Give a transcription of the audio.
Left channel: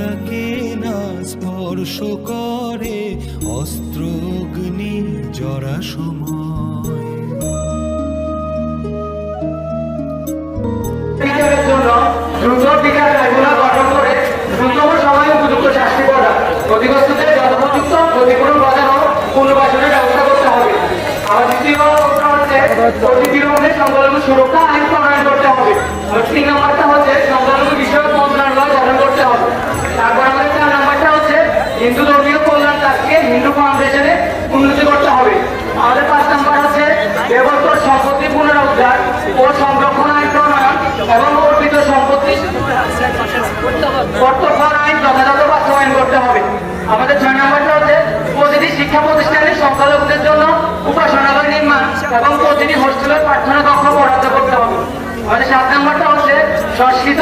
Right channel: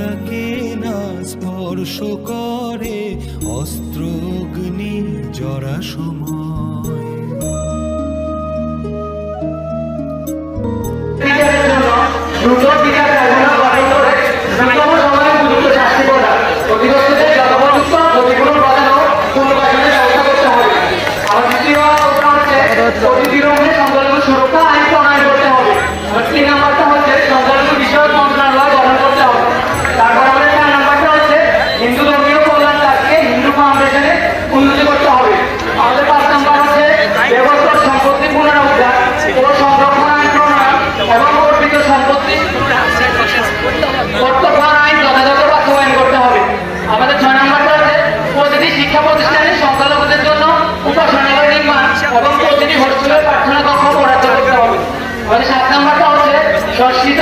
তাকে না স্পর্শ করে অস্ত্রগ্নি জরা সময়। সুরক্ষা আইন প্রণয়ন করতে হবে। 3 নম্বরটা হচ্ছে সংখ্যালঘু বিষয়ক মন্ত্রণালয় গঠন করতে হবে। তারপর আমাদের 4 নম্বরটা হচ্ছে হিন্দু ধর্মীয় কল্যাণ কাজকে হিন্দু ফাউন্ডেশনে উন্নতি করতে হবে। আমাদের 5 নম্বর হচ্ছে দেবস্তর সম্পত্তি পুনরুদ্ধার ও সংরক্ষণ আইন প্রণয়ন এবং অর্পিত সম্পত্তি কর্তব্যের আইন যথাযথ বাস্তবায়ন করতে হবে। আমাদের 6 নম্বরটা হচ্ছে প্রতিটি শিক্ষা প্রতিষ্ঠানে সংখ্যালঘুদের জন্য উপাসনালয় নির্মাণ এবং প্রতিটি হোস্টেলের প্রার্থনা কক্ষ বরাদ্দ করতে হবে। আমাদের 7 নম্বরটা হচ্ছে সংস্কৃত